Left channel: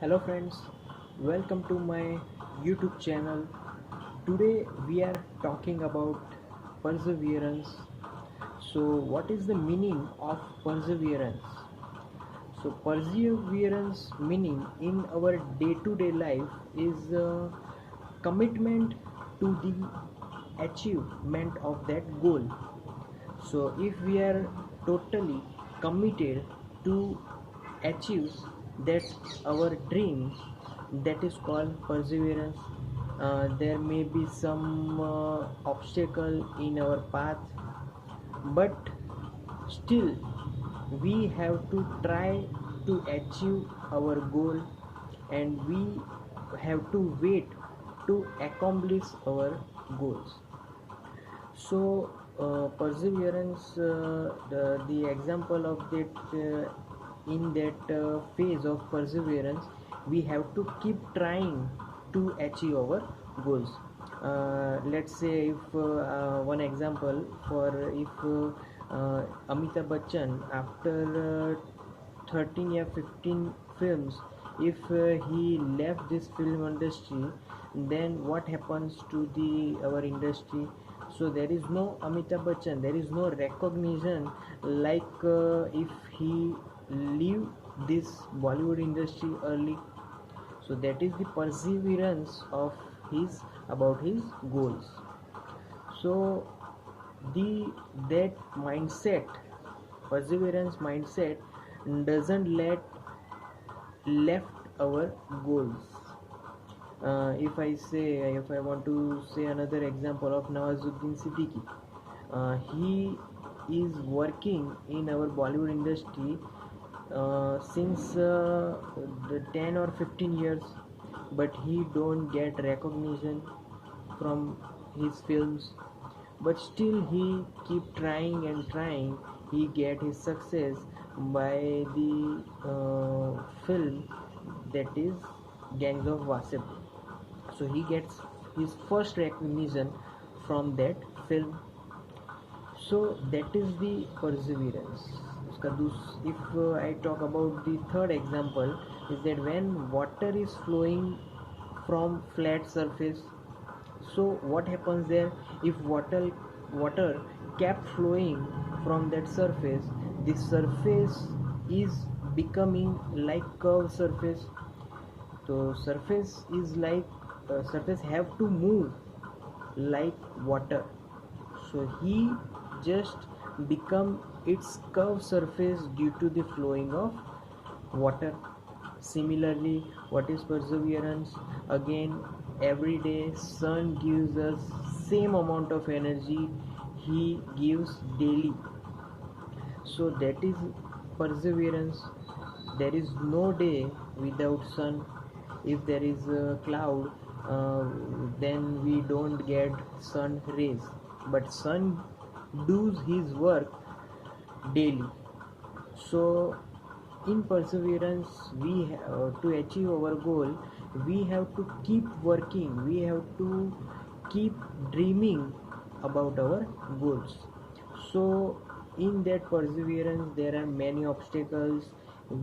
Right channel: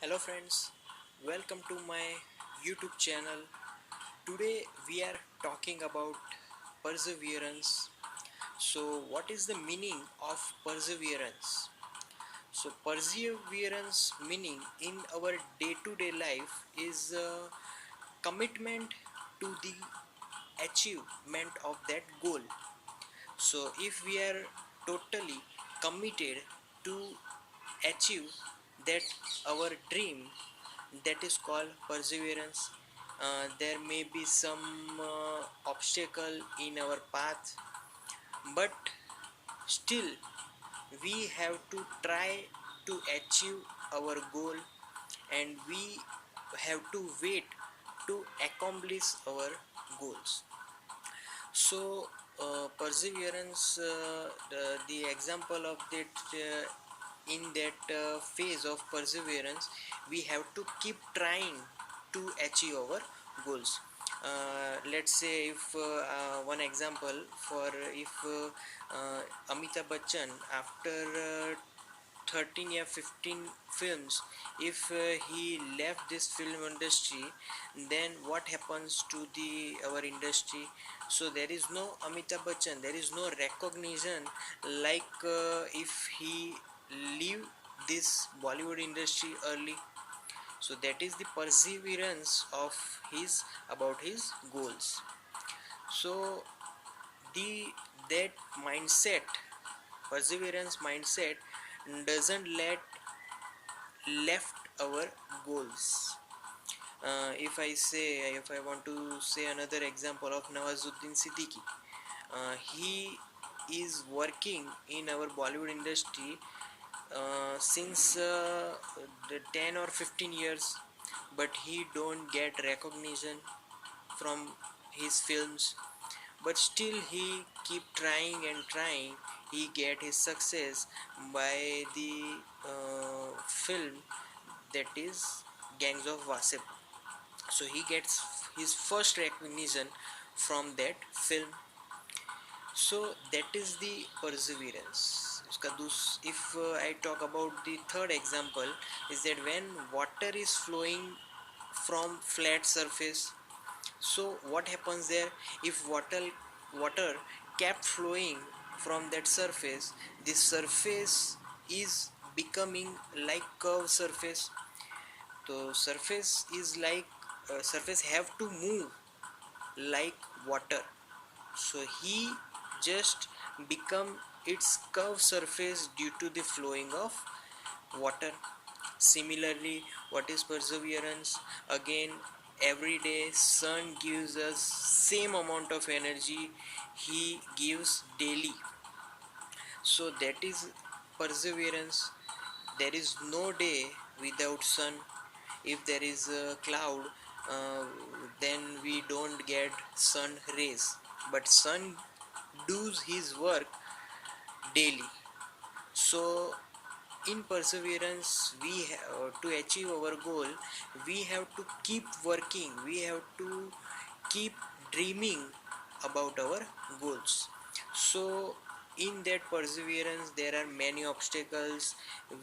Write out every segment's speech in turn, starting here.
Hello friends, welcome to my YouTube channel. Today we are talking about perseverance. So what is the meaning of perseverance? So perseverance meaning in our day-to-day life is a commitment to the achievement of that goal. So if we are totally committed to achieve that our dream, that is called perseverance. There may be some obstacle in our path, but still we have to try to achieve our goal, and we have to wait to accomplish our goals. So perseverance, the example of that, in that phase of perseverance we have to keep trying to achieve our goals. Let's say if one example for if Amitabh Bachchan, after 13 or 15 films, if he left this film industry, then what happens to the our industry? So there is no Amitabh Bachchan, there is no recognition, like if he leave this Bollywood industry early. So that is the perseverance of his about his goals. So the that mindset, perseverance mindset, doesn't let left our goals. If I want to say another example of Nawazuddin Siddiqui, he is working in our Bollywood industry since the 10 or 15 years, but he don't get recognition from his films, but still he keep trying and trying. He get his success by the film, that is Gangs of Wasepur. So he gets his first recognition from that film. So that is the perseverance. If I talk about the third example, is that when water is flowing from flat surface, so what happens there? If water kept flowing from that surface, the surface is becoming like curved surface. So surface is like surface have to move like water. So he just become its curved surface due to the flowing of water. Similarly, what is perseverance? Again, every day sun gives us same amount of energy he gives daily. So that is perseverance. There is no day without sun. If there is a cloud, then we don't get sun rays, but sun does his work daily. So in perseverance, to achieve our goal, we have to keep working, we have to keep dreaming about our goals. So in that perseverance there are many obstacles.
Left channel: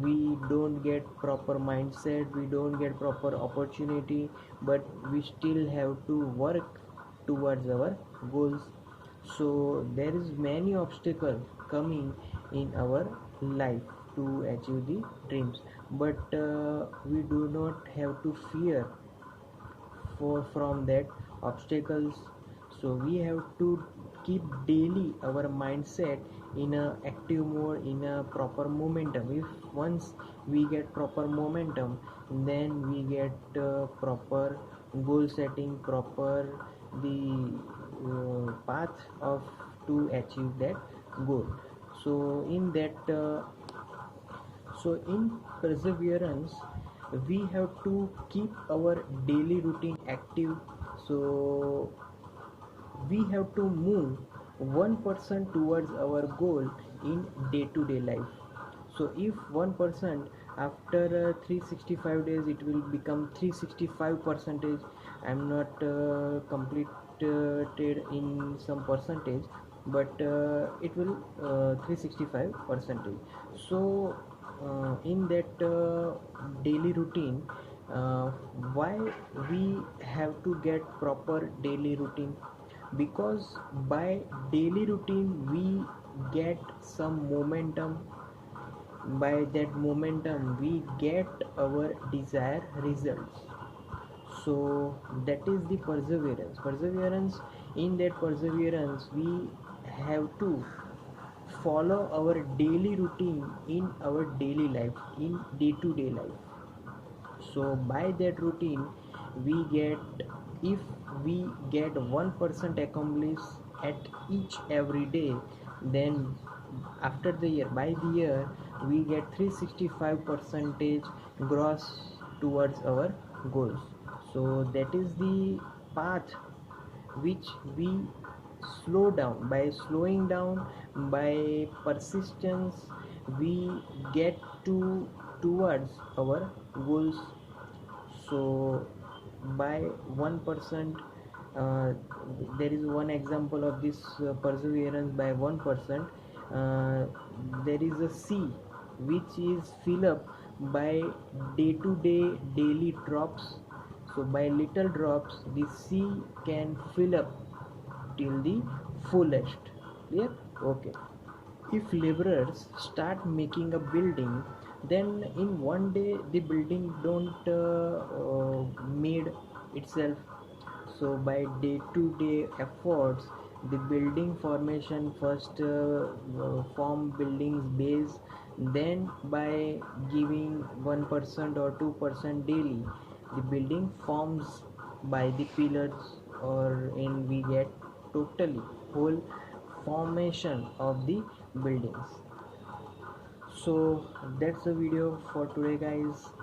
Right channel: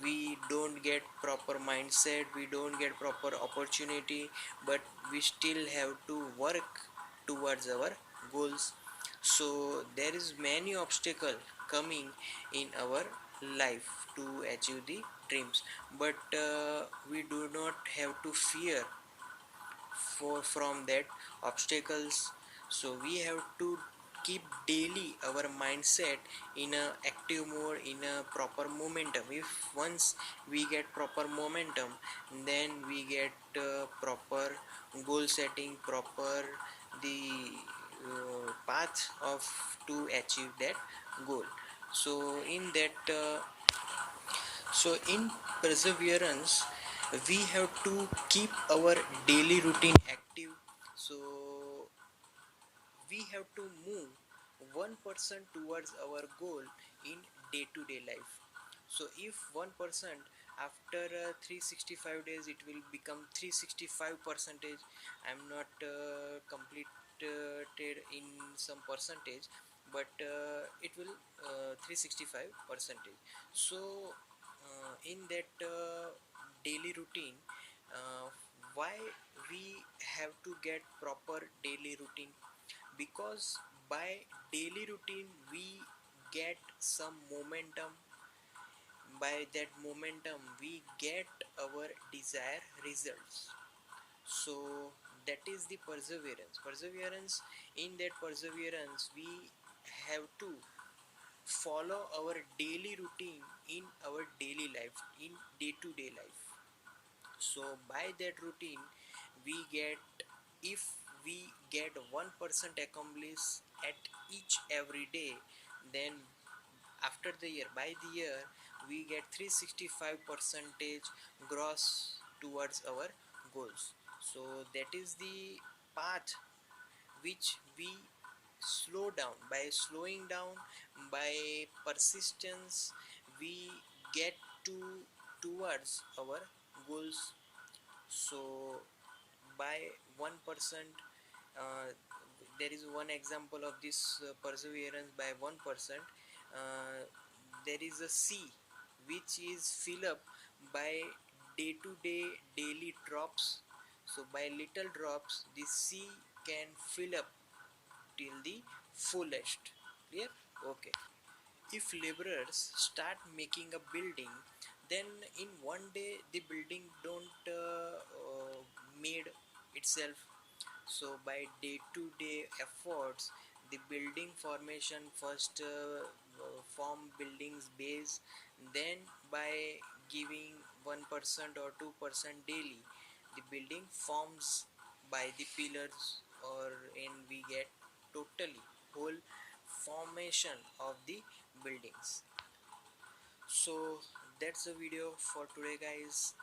We don't get proper mindset, we don't get proper opportunity, but we still have to work towards our goals. So there is many obstacle coming in our life to achieve the dreams, but we do not have to fear for from that obstacles. So we have to keep daily our mindset in a active mode, in a proper momentum. If once we get proper momentum, then we get proper goal setting, proper the path of to achieve that goal. So in perseverance, we have to keep our daily routine active. So we have to move 1% towards our goal in day-to-day life. So if 1%, after 365 days it will become 365 percentage. I'm not completed in some percentage, but it will 365 percentage. So in that daily routine. uh, why we have to get proper daily routine? Because by daily routine we get some momentum. By that momentum we get our desired results. So that is the perseverance. In that perseverance we have to follow our daily routine in our daily life, in day to day life. So by that routine we get, if we get 1% accomplished at each every day, then after the year, by the year, we get 365 percentage gross towards our goals. So that is the path which we slow down. By slowing down, by persistence, we get towards our goals. So by 1%, uh, there is one example of this perseverance. By 1%, uh, there is a sea which is filled up by day to day daily drops. So by little drops the sea can fill up till the fullest. Clear? Okay. If laborers start making a building, then in one day the building don't made itself. So by day to day efforts the building formation first form buildings base, then by giving 1% or 2% daily the building forms by the pillars, or in we get totally whole formation of the buildings. So that's the video for today, guys.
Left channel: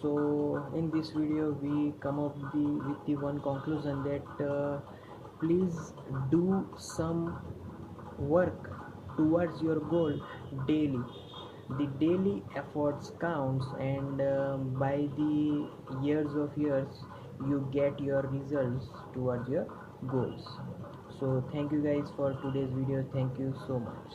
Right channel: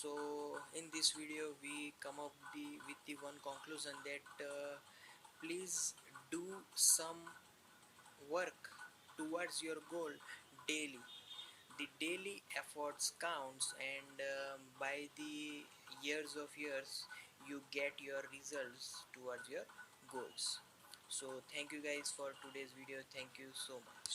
So in this video we come up with the one conclusion that please do some work towards your goal daily. The daily efforts counts, and by the years you get your results towards your goals. So thank you guys for today's video. Thank you so much.